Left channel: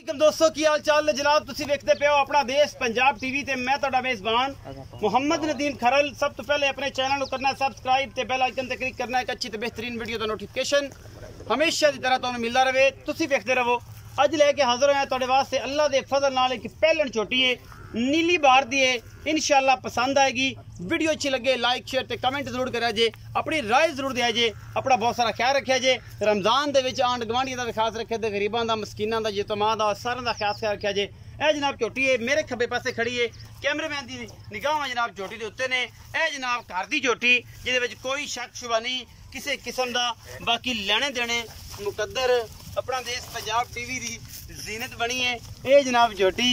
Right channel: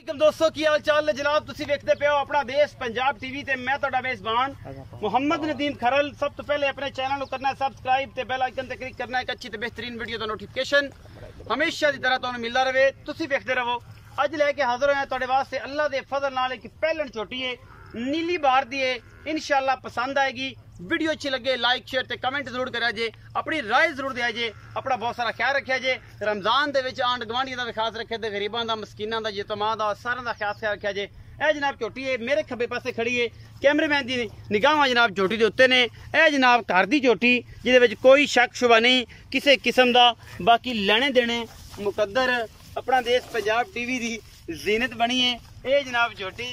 दोस्तों की हाल चाल ने जनाब तुसी वेखदे पे हो अपना देश पंजाब टीवी ते मैं तुहाडा मेजबान मुहम्मद नदीम खरल। सब तो पहले अपने चैनल को करना है सब्सक्राइब ते बेल आइकन ते क्लिक करना है एक अच्छी ते बेहतरीन वीडियो दा नोटिफिकेशन हमेशा की तरह तुहानू मिलदा रहे। तुसी वेखदे रहो। अज लेके हाजिर होया तुहाडे वास्ते अल्लाह दे फजल नाल एक पहलन छोटी है नीली बार दी है। इंशाल्लाह पसंद आएगी। वीडियो अच्छी लगे लाइक शेयर ते कमेंट जरूर करा जे, अपनी राय जरूर दिया जे, अपना बहुत सारा ख्याल रखा जे। रमजान दे विच आंड गवांढियां दा भी खास रखे ते गरीबां दा मस्कीनां दा यतीमां दा सारें दा खास ख्याल रखा जे। ए जनाब झोटी है मेरे खब्बे पासे खड़ी है। कैमरेमैन दी निगाहां जनाब झोटी दे उत्ते ने। ए जनाब घर दी झोटी जिहदे विच कोई शक शुबा नहीं किसी किस्म दा। बाकी लेने देने मुकद्दर अपना देश पंजाब टीवी दी जीनत बनी है। ए जनाब झोटी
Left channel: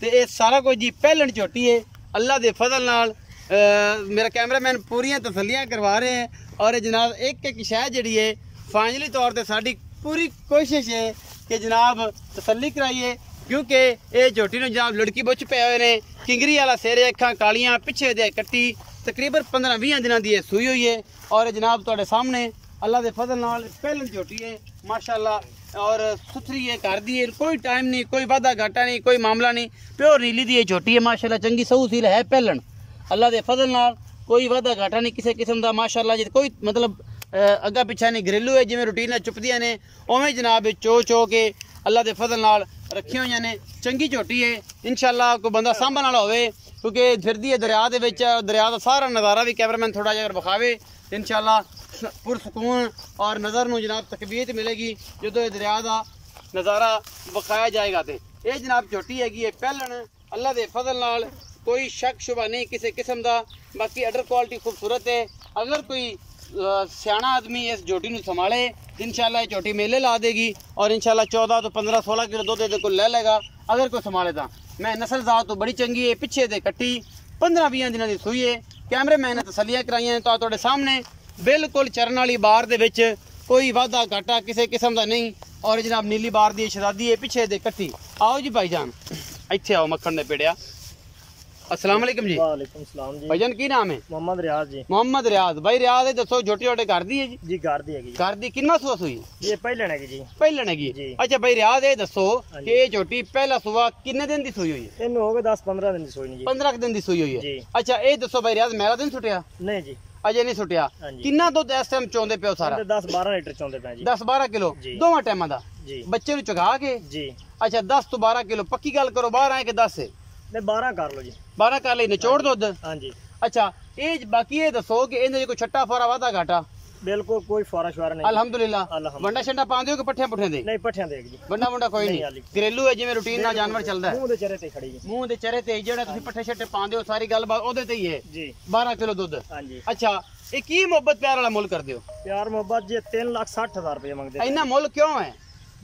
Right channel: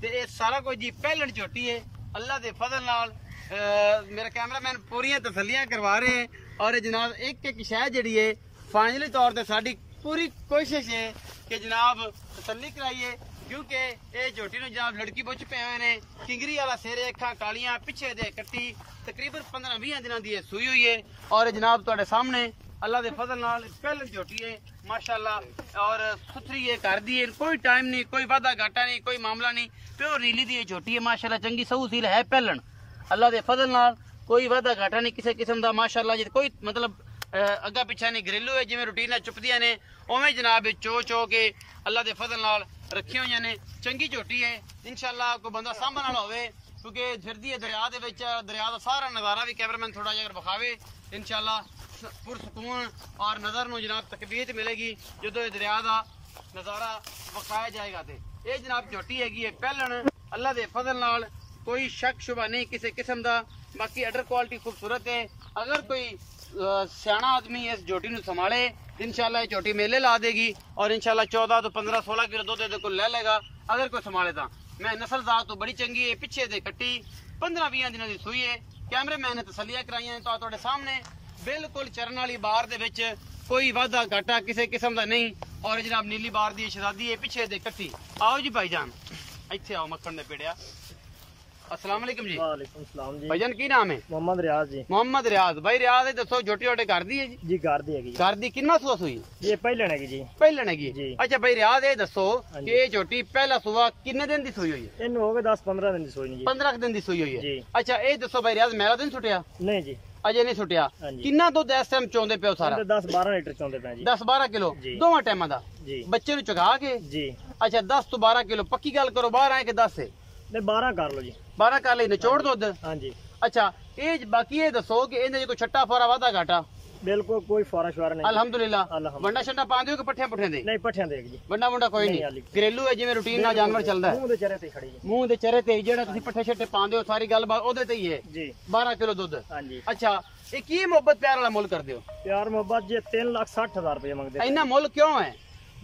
ते ये सारा कुछ जी पहलन झोटी है। अल्लाह दे फजल नाल मेरा कैमरामैन पूरियां तसल्लियां करवा रहे हैं। और जनाब एक एक शह जी है फाइनली तौर पर साड़ी पूरी कोशिश है कि जनाब तसल्ली कराइए, क्योंकि ये झोटी ने जनाब लड़की बुच पे हुए ने। किंगरी वाला सिर अखा कालियां पिछे दे कट्टी तकरीबन 15-20 दिनों की सूई हुई है। और जनाब तुहाडे सामने अल्लाह दे फजल नाल पहलन झोटी है माशाल्लाह और सुथरी है घर दी है। कोई टाइम नहीं, कोई वादा घाटा नहीं, कोई मामला नहीं। प्योर नीली दी झोटी है माशाल्लाह। चंगी सहू सील है पहलन अल्लाह दे फजल नाल। कोई वादा घाटा नहीं किसी किस्म का माशाल्लाह जी। कोई मतलब अग्गा पिछा नहीं, घरेलू है जिवें रूटीन चुपदियां ने उवें जनाब चो के अल्लाह दे फजल नाल रखी हुई ने। चंगी झोटी है इंशाल्लाह। कोई बंदा सांभण वाला होवे क्योंकि फिरदी है दरिया दे विच। दरिया का सारा नज़ारा भी कैमरामैन थोड़ा जिहा विखावे इंशाल्लाह पुरसकून और नज़र नूं जनाब तकबीयत मिलेगी जो दरिया का नज़ारा विखाया जाएगा। तो ये जनाब झोटी हैगी है पहलन अल्लाह दे फजल नाल। कोई शक शुबा नहीं किसी किस्म का। बाकी अडर क्वालिटी खूबसूरत है। अगर कोई सियाना आदमी इस झोटी को संभाले इंशाल्लाह ये झोटी मेले ला देगी और इंशाल्लाह 14 तो 15-16 किलो दूध को ले लेगा अगर कोई संभाले तो। मैं नस्ल जात तो बड़ी चंगी है पिछे दे कट्टी 15-20 दिनों की सूई है। कैमरे मैन ने तसलियां कराई हैं तो तुहाडे सामने बिल्कुल चरण वाली बार दे विच कोई वादा घाटा किसी किस्म का नहीं। और जनाब नीली बार दी शहजादी है पिछे दे कट्टी। आओ जी भाईजान इत्थे आओ मक्खन दे पेड़िया। अस्सलाम वालेकुम जी। वालेकुम सलाम जी। भाईजान की नाम है? मोहम्मद रियाज जी। मोहम्मद रियाज भाई रियाज दसो झोटी वाटे घर दी है जी? जी घर दी है। घर दी किन्ना सुआ सुई? ये पहले है जी। पहले है। अच्छा भाई रियाज ये दसो कि ये झोटी पहला सुआ किन्ने दिन दी सुई हुई है? इन हो गए 10-15 दिन दी सुई नहीं जी। 15 दिन दी सुई हुई है जी। अच्छा ये दसो भाई रियाज मेरा दिन छुटिया? नहीं जी अजे नहीं छुटिया। किन्ना दुध इस टाइम चोंदे पे हो? सारा 10-12 लीटर चोंदे पे जी। 10-12 किलो दोवां टाइमां दा जी। बच्चे नु चुगा के जी। अच्छा 10 तो 12 किलो पक्की गल करो बाहर आए के 10 है? नहीं 12 कर लो जी। 12 कर ले निचोड़ दुध? हां जी। अच्छा ये बाकी ये दसो कि इहदे कोई छट्टा फोरा वादा घाटा? बिल्कुल कोई फोरा शवारा नहीं अल्हम्दुलिल्लाह। वंडा शंडा पांदे हो कि पट्ठे पुठे दे? नहीं पट्ठे दे जी। वंडा वंडा कोई नहीं घरेलू है जिवें रूटीन ना जानवर चलदा है। मुंह दे चेहरे ते खड़ी जी। मुंह दे चेहरे ते जेड़ा तुसी पट्ठे छट्टे पांदे हो सारी गल बात ओदे ते ही है जी। 12 किलो दूध। हां जी। अच्छा ये की मोहब्बत प्यार वाला मुल कर दियो? प्यार मोहब्बत जी 3,60,000 रुपए मंगदे। इतना मुल क्यों है?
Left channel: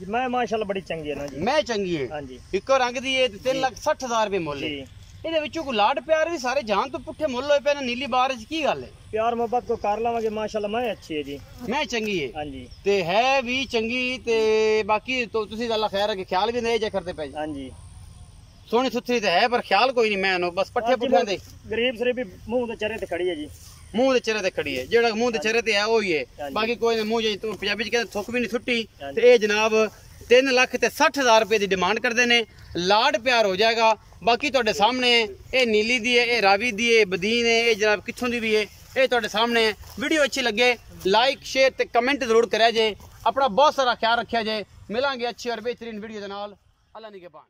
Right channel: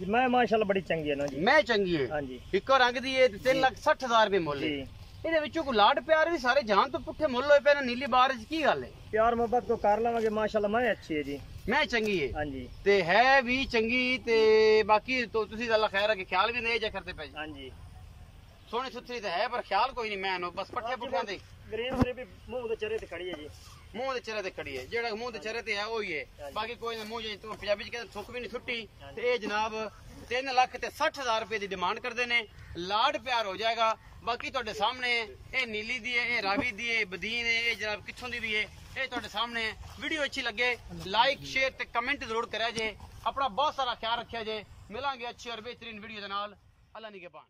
मैं माशाल्लाह बड़ी चंगी है ना जी। मैं चंगी है। हां जी। इको रंग दी है 3,60,000 रुपए मुल है। ਇਹਦੇ ਵਿੱਚੋਂ ਕੋਈ ਲਾਡ ਪਿਆਰ ਵੀ ਸਾਰੇ ਜਾਨ ਤੋਂ ਪੁੱਠੇ ਮੁੱਲ ਹੋਏ ਪਏ ਨੇ ਨੀਲੀ ਬਾਰ ਚ ਕੀ ਗੱਲ ਹੈ? प्यार मोहब्बत को कर लवांगे माशाल्लाह। मैं अच्छी है जी। मैं चंगी है। हां जी। ते है भी चंगी ते बाकी तो तुसी अल्लाह खैर रखे ख्याल भी नहीं जा करते पे। हां जी। सोहनी सुथरी ते है पर ख्याल कोई नहीं। मैं बस पट्ठे पुठे दे गरीब सरे भी मुंह दे चेहरे ते खड़ी है जी। मुंह दे चेहरे ते खड़ी है जेड़ा मुंह दे चेहरे ते है वही है। बाकी कोई मुंह जे तो पंजाबी च कहते थुक भी नहीं छुट्टी। ते ये जनाब 3,60,000 रुपए की डिमांड करते हैं। लाड प्यार हो जाएगा। बाकी तुहाडे सामने ये नीली दी है, ये रावी दी है, बदीन है, ये जनाब कित्थों दी भी है ये तुहाडे सामने। वीडियो अच्छी लगे लाइक शेयर ते कमेंट जरूर करा जे। अपना बहुत सारा ख्याल रखा जे। मिलांगे अच्छी और बेहतरीन वीडियो दे नाल। अल्लाह निगहबान।